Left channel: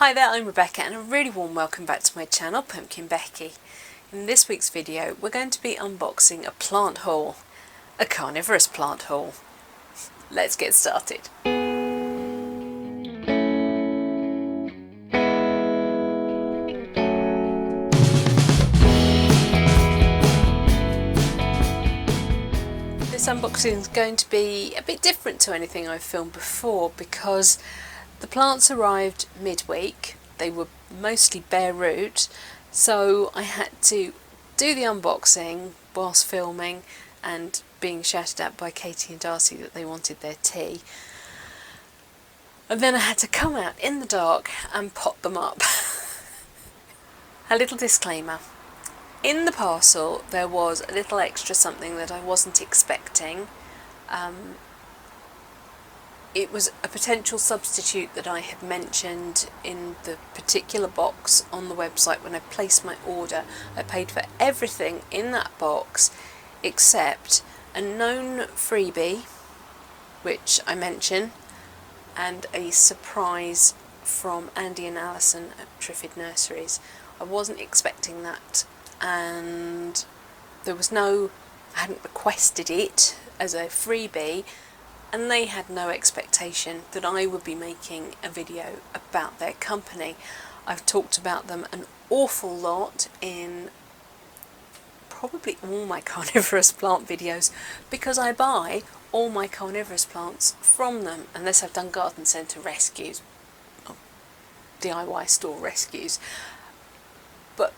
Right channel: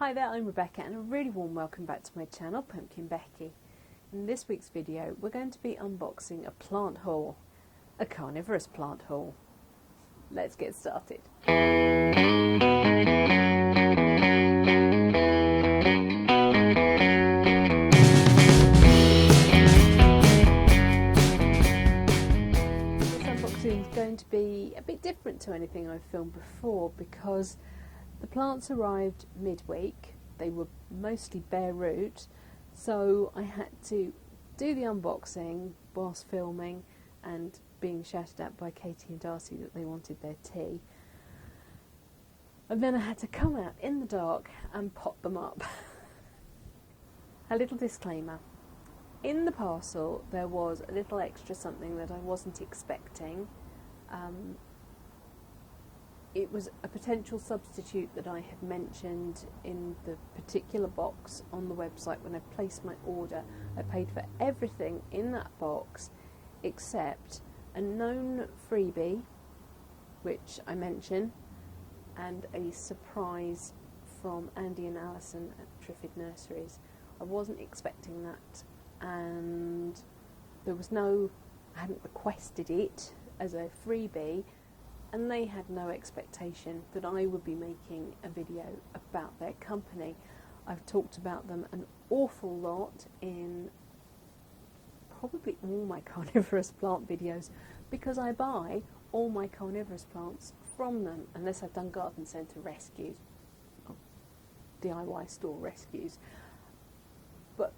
Hi there, I'm Rebecca and a really warm welcome back to my channel, PumpkinBecki. In this week's video we're going to be unboxing a plant haul, a carnivorous plant haul. Let's get started. This unboxing is going to be a bit different to anything I've filmed before because the plants arrived midweek. They were mostly bare root, so I had to do the unboxing whilst filming and being shouted at by Katie and Darcy that they wanted their tea. And then I had to come out in the dark and pot them up. A little disclaimer. In the parcel there was a little extra something that I wasn't expecting. It was a potential substitute that I had mentioned in the particular box on the website when I placed my order. I paid for everything in that box except a known freebie, which I mention, and a surprise from Andy and Alison at Triffid Nurseries. I wasn't expecting that, and I hadn't requested it as a freebie, and they had no expectation that I would be making a video about their company. I've talked about them an awful lot in probably all my carnivorous plant videos because I buy all my carnivorous plants from them, unless I've done garden centre rescues, or DIY store rescues. But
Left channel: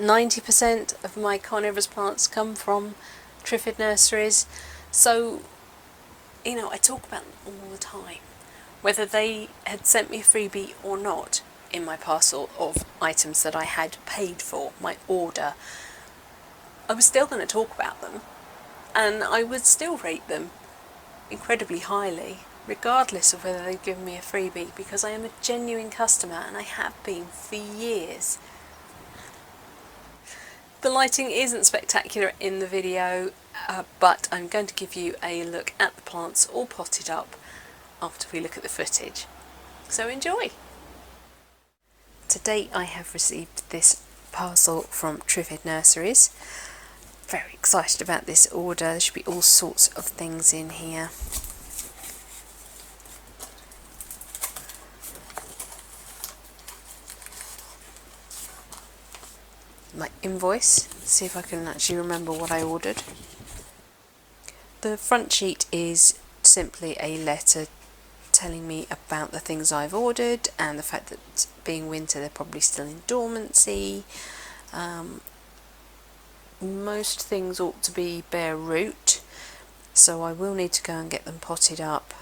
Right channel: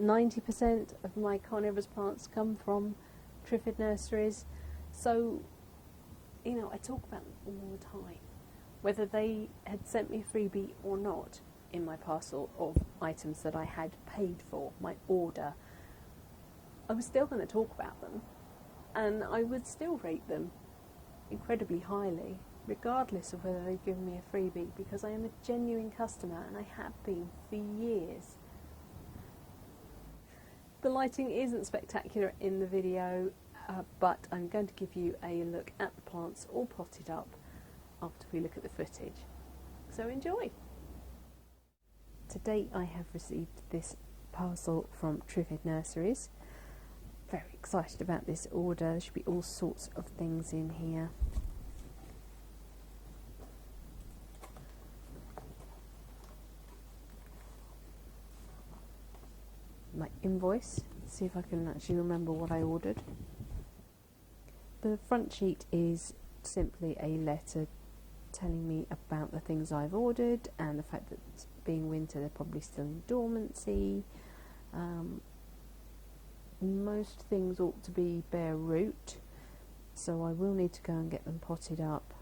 90% of my carnivorous plants come from Triffid Nurseries, so I talk about them all the time. Whether they had sent me a freebie or not in my parcel of items that I had paid for, my order, I was still going to talk about them, and I would still rate them incredibly highly regardless of whether they've given me a freebie, because I am a genuine customer and I have been for years. The lighting isn't spectacular in the video, but I'm going to give you a look at the plants all potted up after we look at the footage. So enjoy! To date I have received this parcel from Triffid Nurseries. Very excited about this order. There should be all sorts of things in here. My invoice, see if I can actually remember what I ordered. The front sheet is simply a letter telling me about the things I've ordered and the fact that being winter they're probably still in dormancy. Most things ought to be bare root, so I will need to go and get them potted up,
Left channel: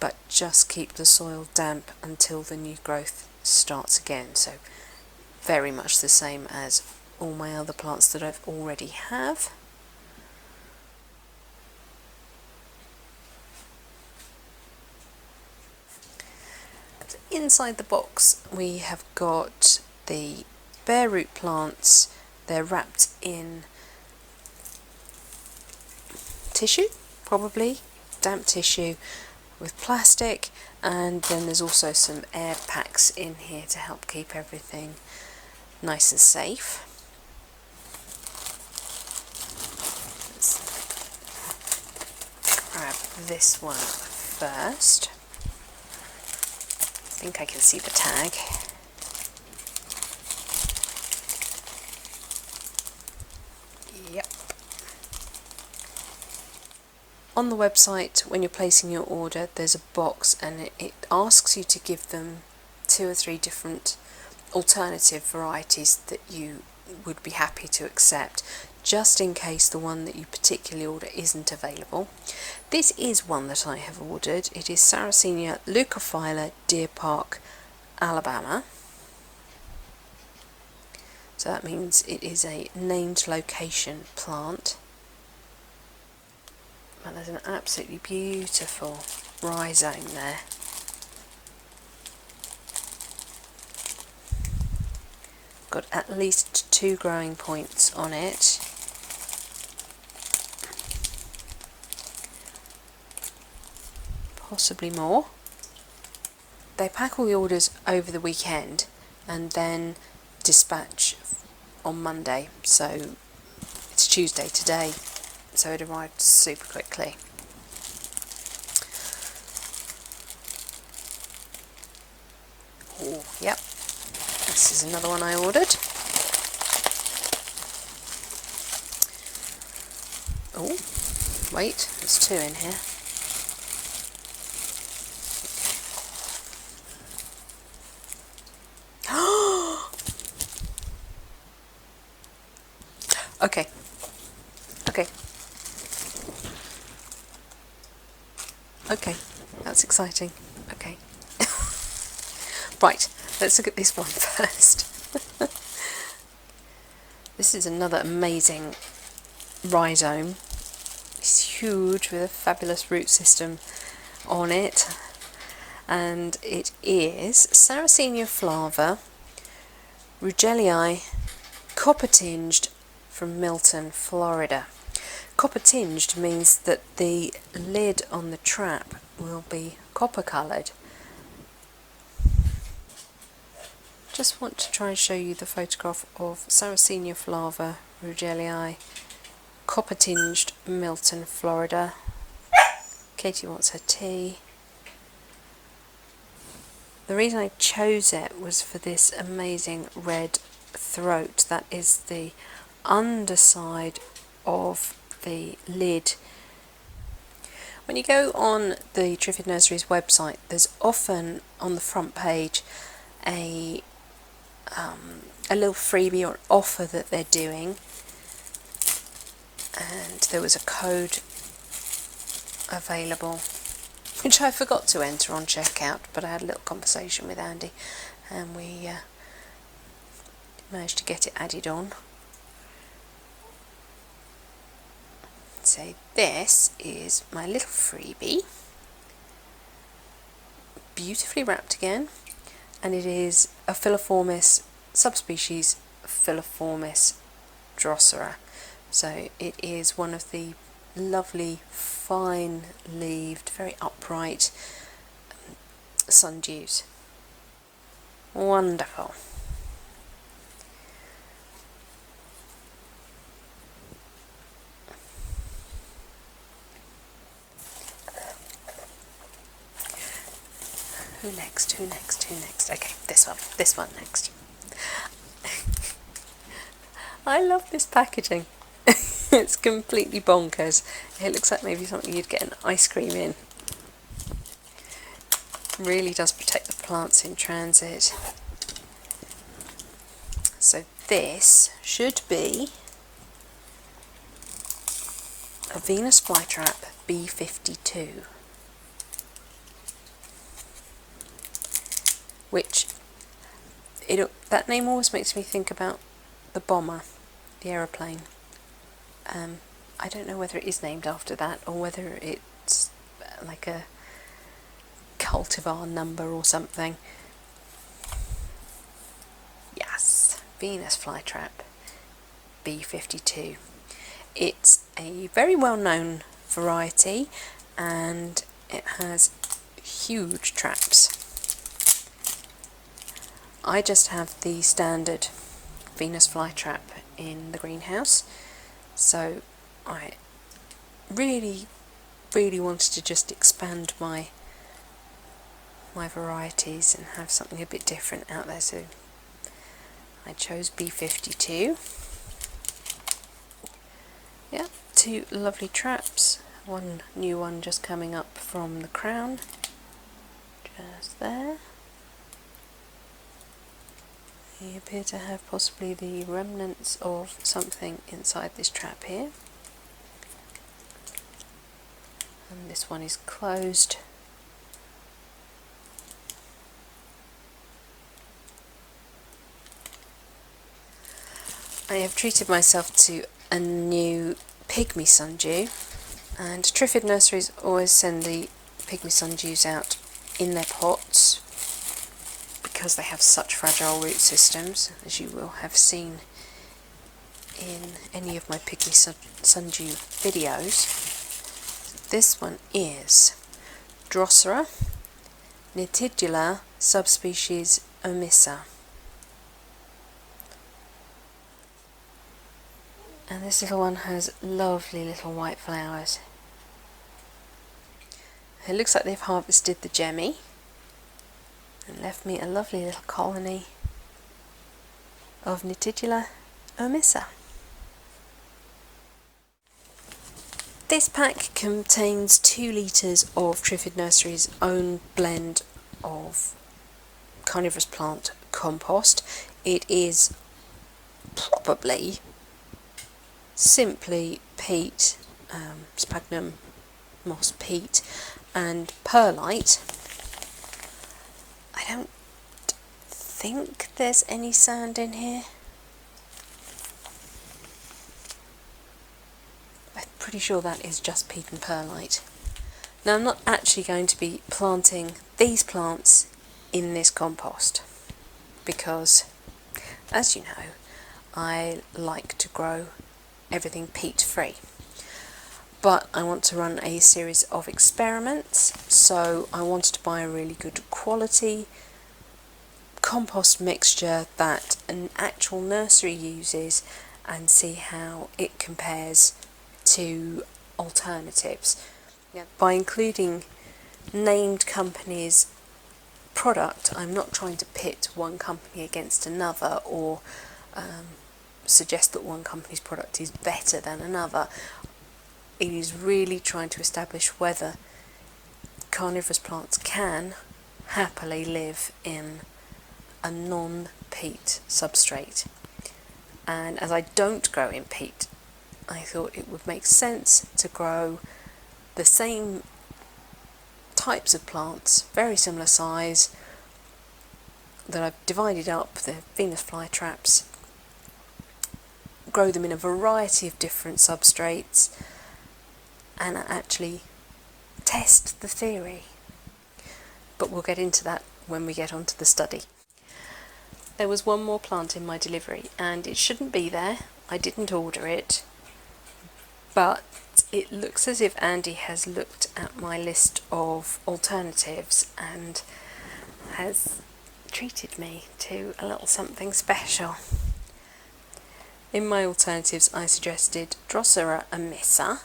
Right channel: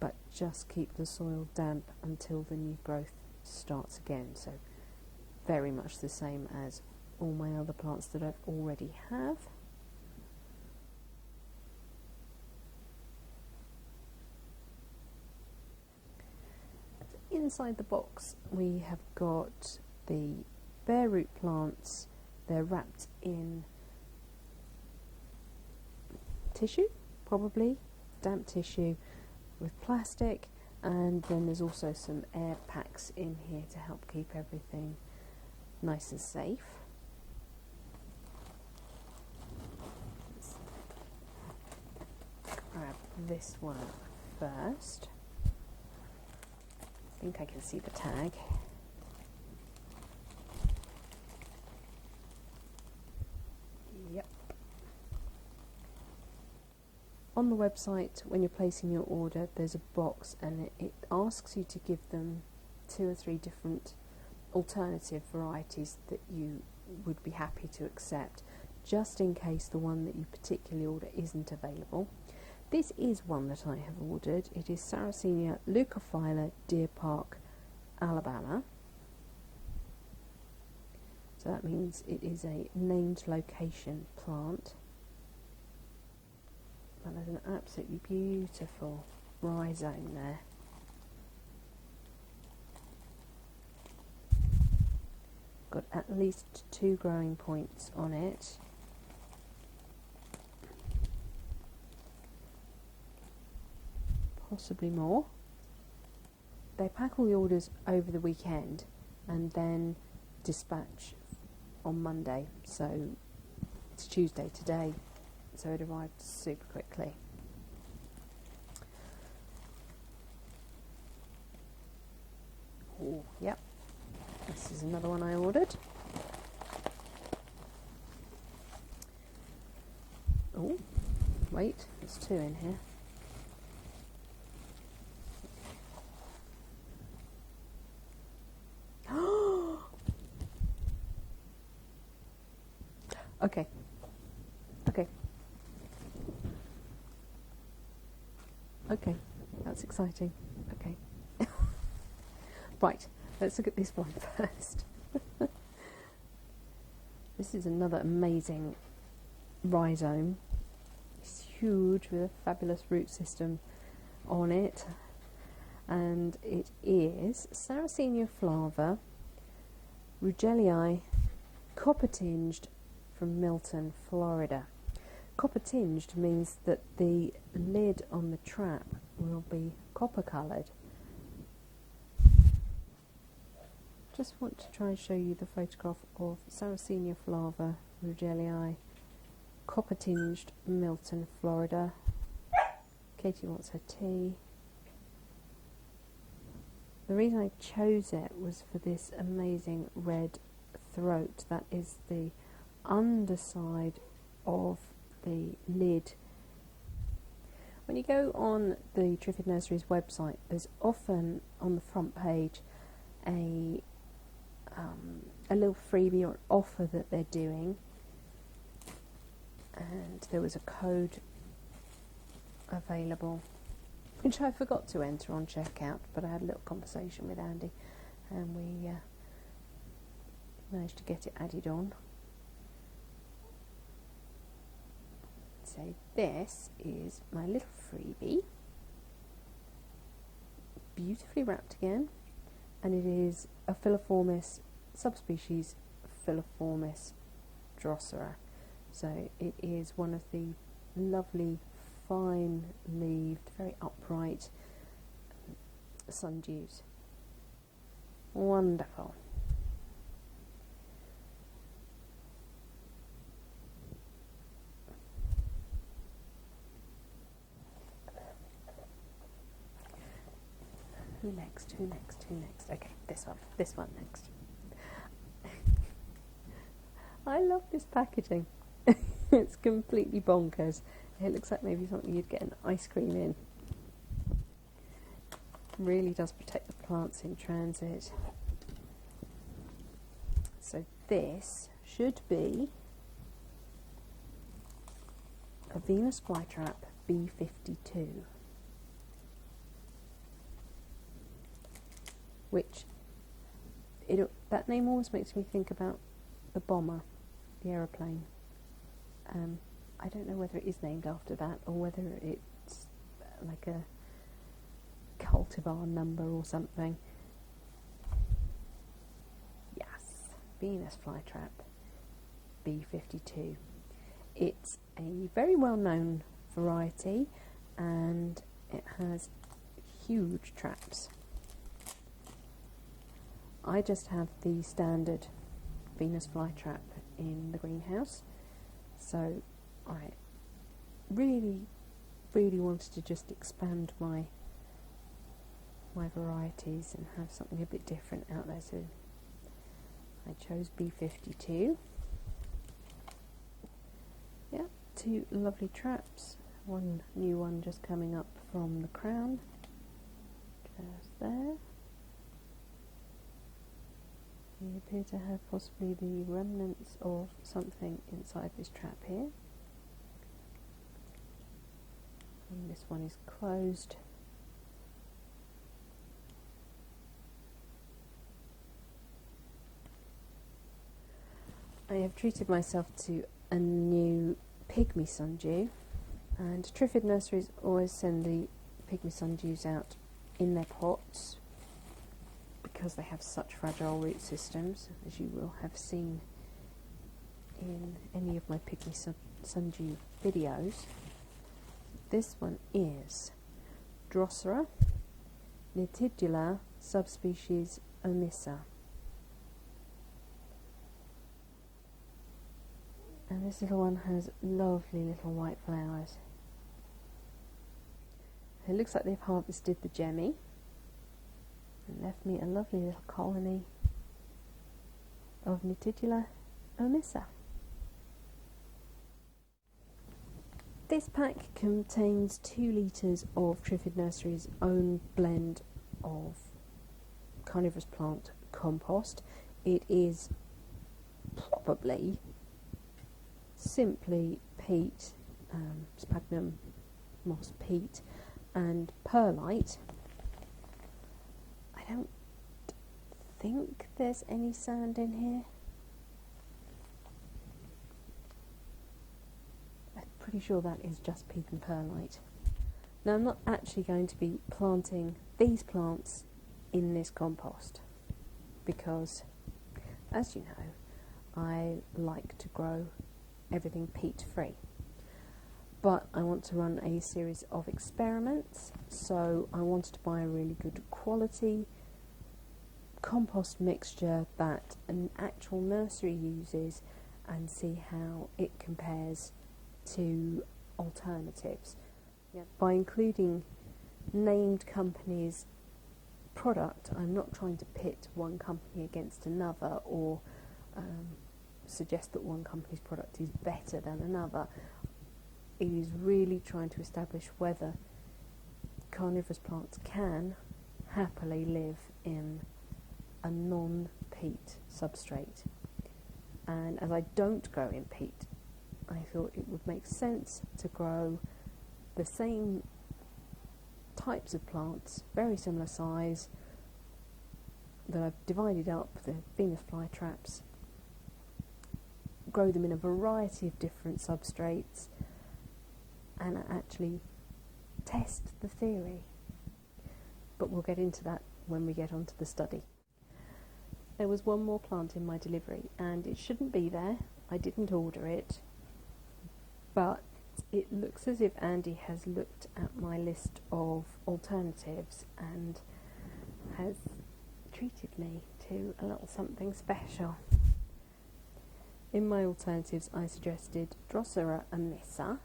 but just keep the soil damp until the new growth starts again. So very much the same as all my other plants that I've already have. Inside the box we have got the bare root plants. They're wrapped in tissue, probably damp tissue with plastic, and then there's also some air packs in here to help keep everything nice and safe. Let's grab this one first. I think I can see the tag. Yep. On the website, when you're placing your order, there's a box and it asks you to give them 2 or 3 different alternative varieties that you would be happy to accept, just in case the one that you particularly order isn't available. This is one that I have ordered. It is Sarracenia leucophylla, Deer Park, Alabama. So that means it is a named location plant. And there's an absolutely beautiful rhizome there. Got at least 2 growing points on it. Possibly more. they pack all the orders over the weekend and then dispatch on Monday. So it's Tuesday today, so it arrived super quickly. Oh, yep, this is another one I ordered. Oh, wait, there's two in here. Okay. Okay. Okay, that's exciting. Okay. Right, let's look at this one first. This is another amazing rhizome. It's huge with a fabulous root system on it. And it is Sarracenia flava, Rugelii, copper tinged, from Milton, Florida. Copper tinged means that the lid on the trap will be copper coloured. Just want to try and show you the photograph of Sarracenia flava, Rugelii, copper tinged, Milton, Florida. Katie wants her tea. The reason I chose it was for this amazing red throat. That is the underside of the lid. When you go on the Triffid Nurseries website, there's often on the front page a little freebie or offer that they're doing, and there was a code available which I forgot to enter on checkout, but I had a little conversation with Andy and we managed to get it added on. So this is my little freebie, beautifully wrapped again, and it is a Filiformis subspecies, Filiformis Drosera. So it is one of the lovely, fine-leaved, very upright sundews. Wonderful. Who next? Who next? Who next? Okay, this one next. I love this packaging. It's completely bonkers. It looks like maybe something you'd get an ice cream in. Really does protect the plants in transit. So this should be a Venus flytrap B52, which that name always makes me think about the bomber, the aeroplane. I don't know whether it is named after that or whether it's like a cultivar number or something. Yes, Venus flytrap B52. It's a very well known variety and it has huge traps. I just have the standard Venus flytrap in the greenhouse, so I really wanted to just expand my varieties and have something a bit different out there, so I chose B52. Yeah, two lovely traps, one new one just coming up from the crown, just there. You appear to have possibly the remnants of something inside this trap here. And this one is closed. I have treated myself to a new pygmy sundew, and Triffid Nurseries always send the pygmy sundews out in their pots because they have such fragile root systems, as you will have seen in any of my pygmy sundew videos. This one is Drosera, Nitidula subspecies omissa. And this little one has lovely little white flowers. It looks like they've harvested the gemmy and left me a lovely little colony of Nitidula omissa. This pack contains 2 litres of Triffid Nurseries' own blend of Carnivorous Plant compost. It is probably simply peat, sphagnum moss peat and perlite. I don't think there's any sand in here. I'm pretty sure that is just peat and perlite. Now I'm not actually going to be planting these plants in this compost because, as you know, I like to grow everything peat free. But I want to run a series of experiments, so I wanted to buy a really good quality compost mixture that an actual nursery uses and see how it compares to alternatives. Yeah. By including named companies' product, I'm not trying to pit one company against another or suggest that one company's product is better than another. It is really trying to establish whether carnivorous plants can happily live in a non-peat substrate. And as I don't grow in peat, I thought it would make sense to grow the same types of plants, very similar size, that I've divided up, the Venus flytraps, grow them in a variety of different substrates, and actually test the theory. But we'll get into that when we get onto the study. There was one more plant in my delivery and it shouldn't be there. I didn't order it, but it looks as if Andy has looked at my list of alternatives and has treated me to a little something special. In my alternatives I suggested Drosera omissa,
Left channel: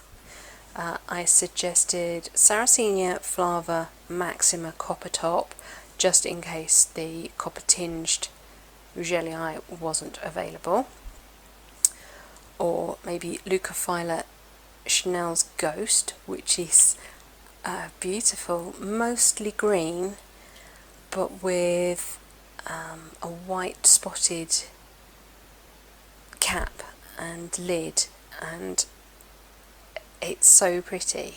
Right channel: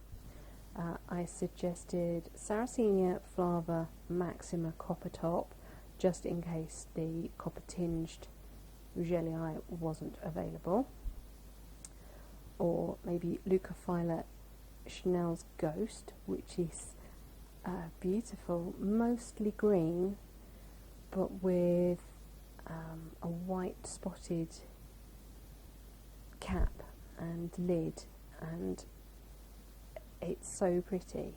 I suggested Sarracenia flava maxima copper top, just in case the copper tinged Rougelii wasn't available, or maybe Leucophylla Chanel's Ghost, which is beautiful, mostly green but with a white spotted cap and lid, and it's so pretty.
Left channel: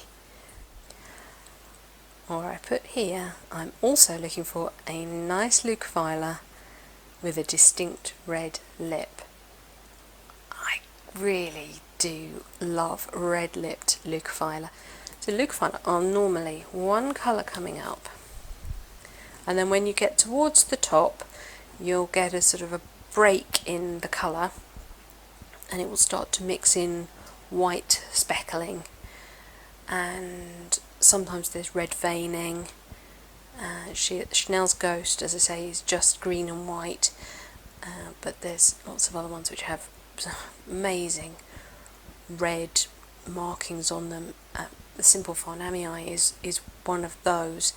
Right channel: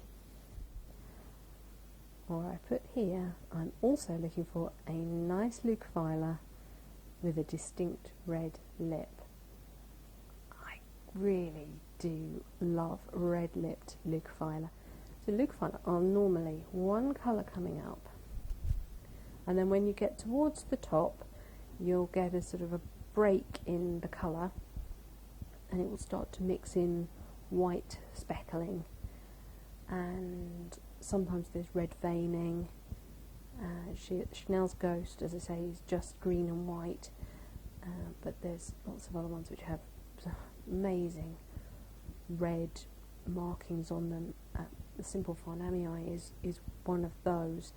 Or I put here, I'm also looking for a nice Leucophylla with a distinct red lip. I really do love red-lipped Leucophylla. So Leucophylla are normally one colour coming up, and then when you get towards the top you'll get a sort of a break in the colour and it will start to mix in white speckling, and sometimes there's red veining. Chanel's Ghost, as I say, is just green and white, but there's lots of other ones which have amazing red markings on them. The Simple Farnamii is one of those.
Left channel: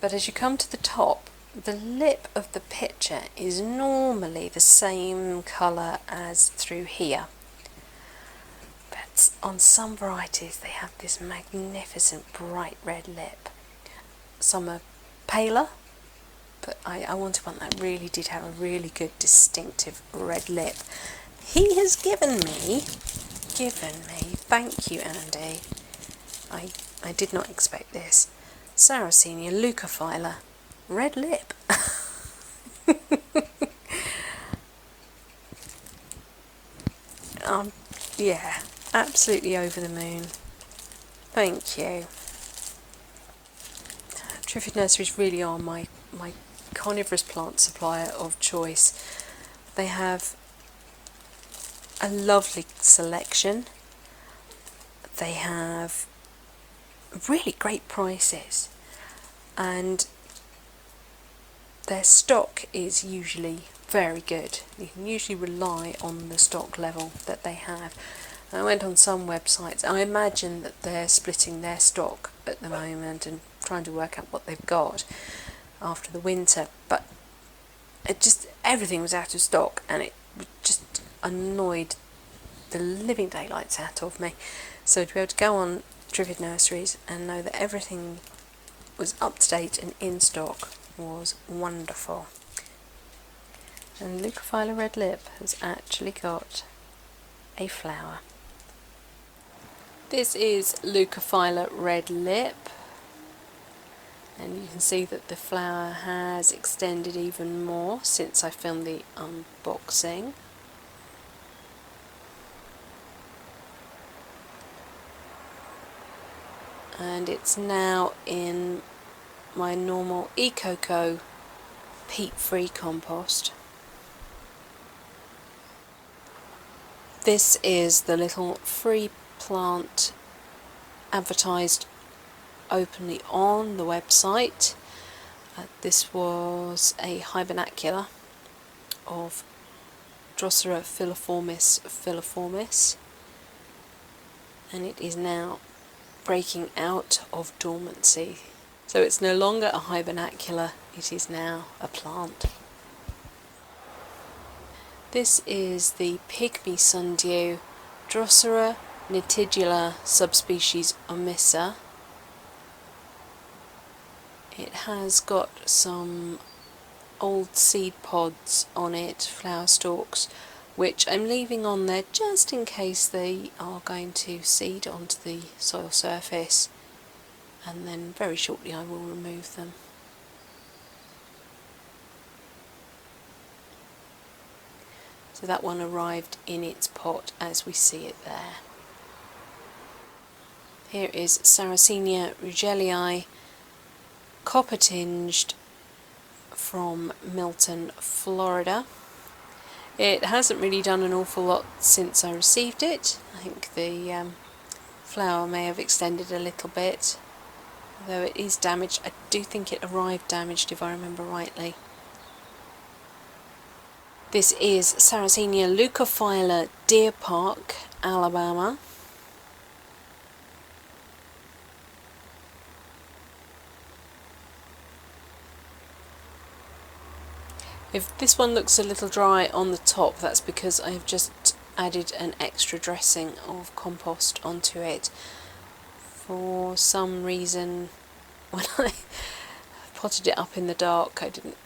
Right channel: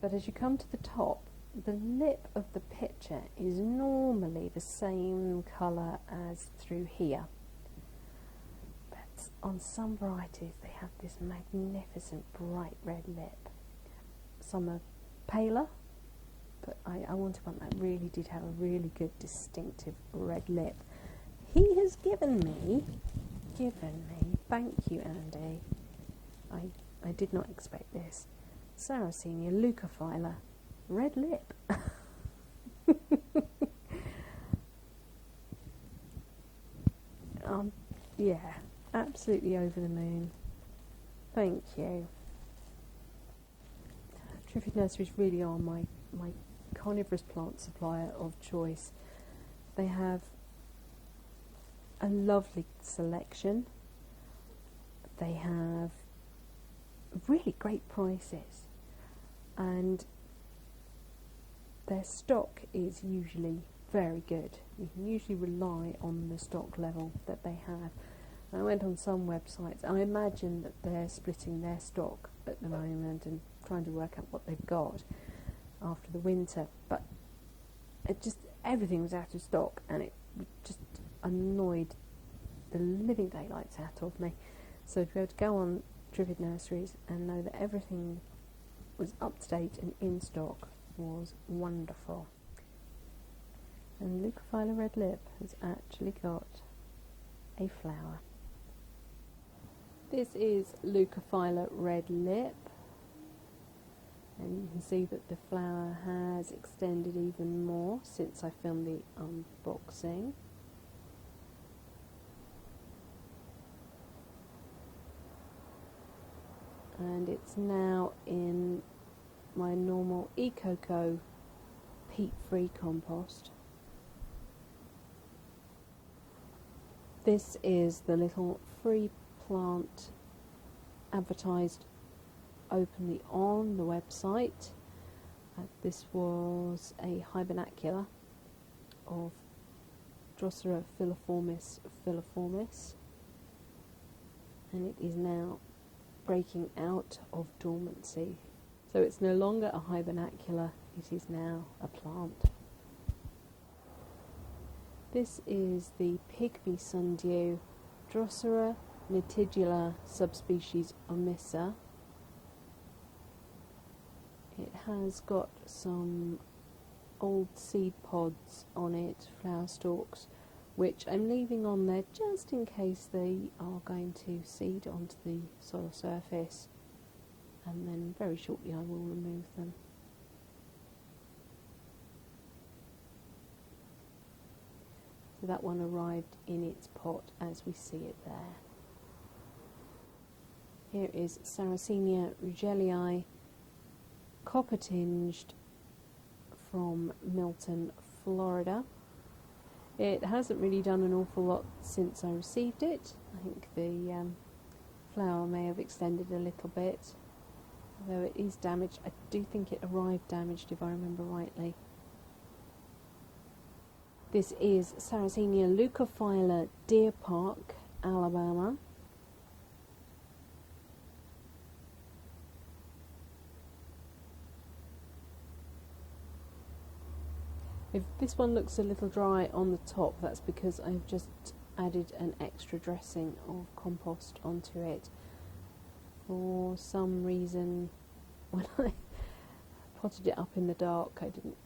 But as you come to the top, the lip of the picture is normally the same colour as through here. But on some varieties they have this magnificent bright red lip. Some are paler, but I wanted one that really did have a really good distinctive red lip. He has given me, thank you Andy, I did not expect this, Sarracenia Leucophylla red lip. Yeah, absolutely over the moon. Thank you. Triffid Nurseries really are my carnivorous plant supplier of choice. They have a lovely selection. They have really great prices, and their stock is usually very good. You can usually rely on the stock level that they have. I went on some websites. I imagine that they're splitting their stock at the moment and trying to work out what they've got after the winter. But everything was out of stock, and it just annoyed the living daylights out of me. So to be able to go on Triffid Nurseries and know that everything was up to date and in stock was wonderful. And Leucophylla Red Lip has actually got a flower. This is Leucophylla Red Lip, and you can see that the flower has extended even more since I filmed the unboxing. And it's now in my normal EcoCo peat-free compost. This is the little free plant advertised openly on the website. This was a hibernacular of Drosera filiformis, and it is now breaking out of dormancy. So it's no longer a hibernacular, it is now a plant. This is the pygmy sundew, Drosera nitigula subspecies omissa. It has got some old seed pods on it, flower stalks, which I'm leaving on there just in case they are going to seed onto the soil surface, and then very shortly I will remove them. So that one arrived in its pot as we see it there. Here is Sarracenia rugelii, copper tinged, from Milton, Florida. It hasn't really done an awful lot since I received it. I think the flower may have extended a little bit, though it is damaged. I do think it arrived damaged if I remember rightly. This is Sarracenia leucophylla, Deer Park, Alabama. If this one looks a little dry on the top, that's because I have just added an extra dressing of compost onto it. For some reason, when I potted it up in the dark, I didn't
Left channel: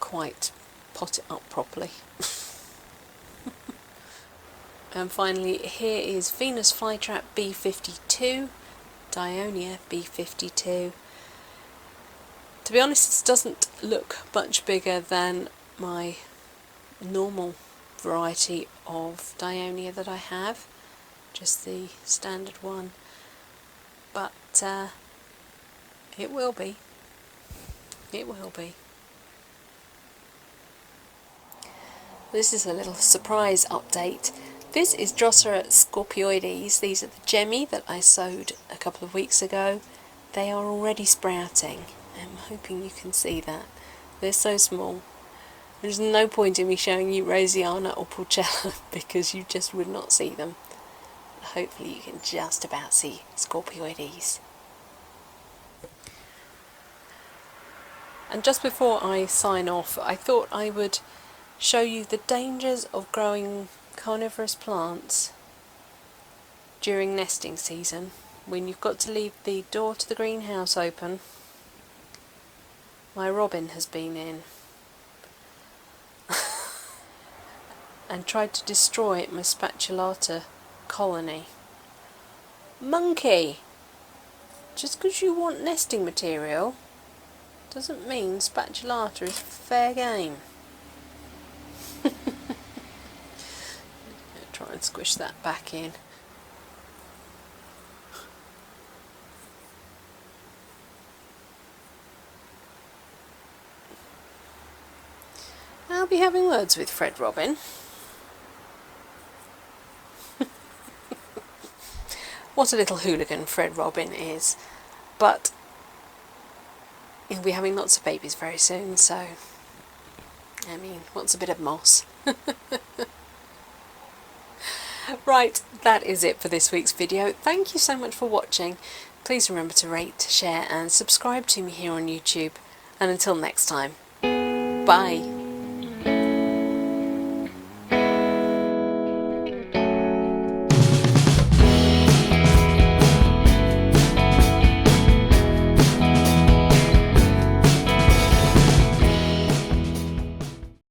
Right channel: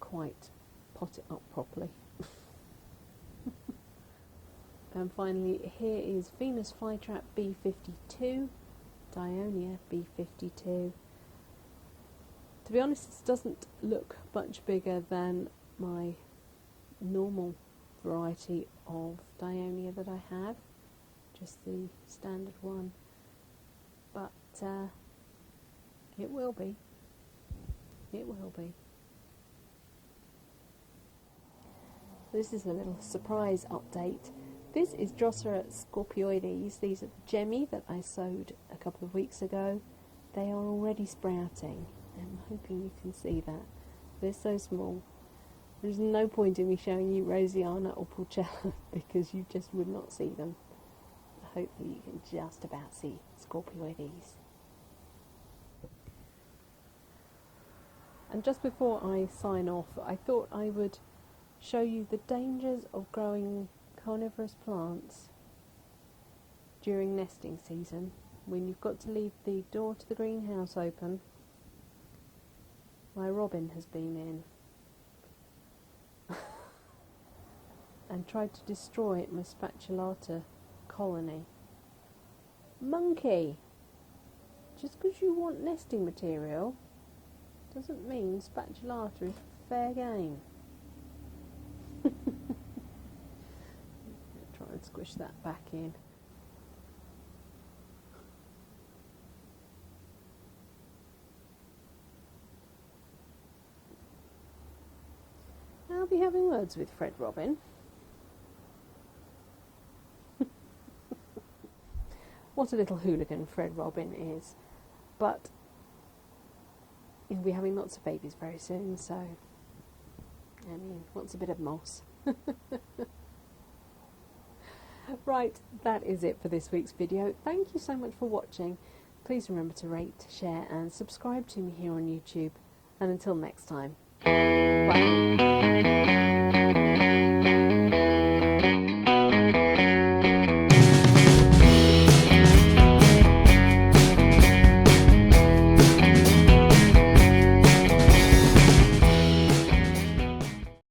quite pot it up properly. And finally, here is Venus Flytrap B52, Dionea B52. To be honest, this doesn't look much bigger than my normal variety of Dionea that I have, just the standard one, but it will be. This is a little surprise update. This is Drosera scorpioides. These are the gemmy that I sowed a couple of weeks ago. They are already sprouting. I'm hoping you can see that. They're so small. There's no point in me showing you Rosiana or Porcella because you just would not see them. Hopefully you can just about see scorpioides. And just before I sign off, I thought I would show you the dangers of growing carnivorous plants during nesting season, when you've got to leave the door to the greenhouse open. My robin has been in and tried to destroy my spatulata colony. Monkey! Just because you want nesting material doesn't mean spatulata is fair game. Try and squish that back in. I'll be having words with Fred Robin. What a little hooligan Fred Robin is. But he'll be having lots of babies very soon, so I mean, what's a bit of moss? Right, that is it for this week's video. Thank you so much for watching. Please remember to rate, share and subscribe to me here on YouTube. And until next time, bye.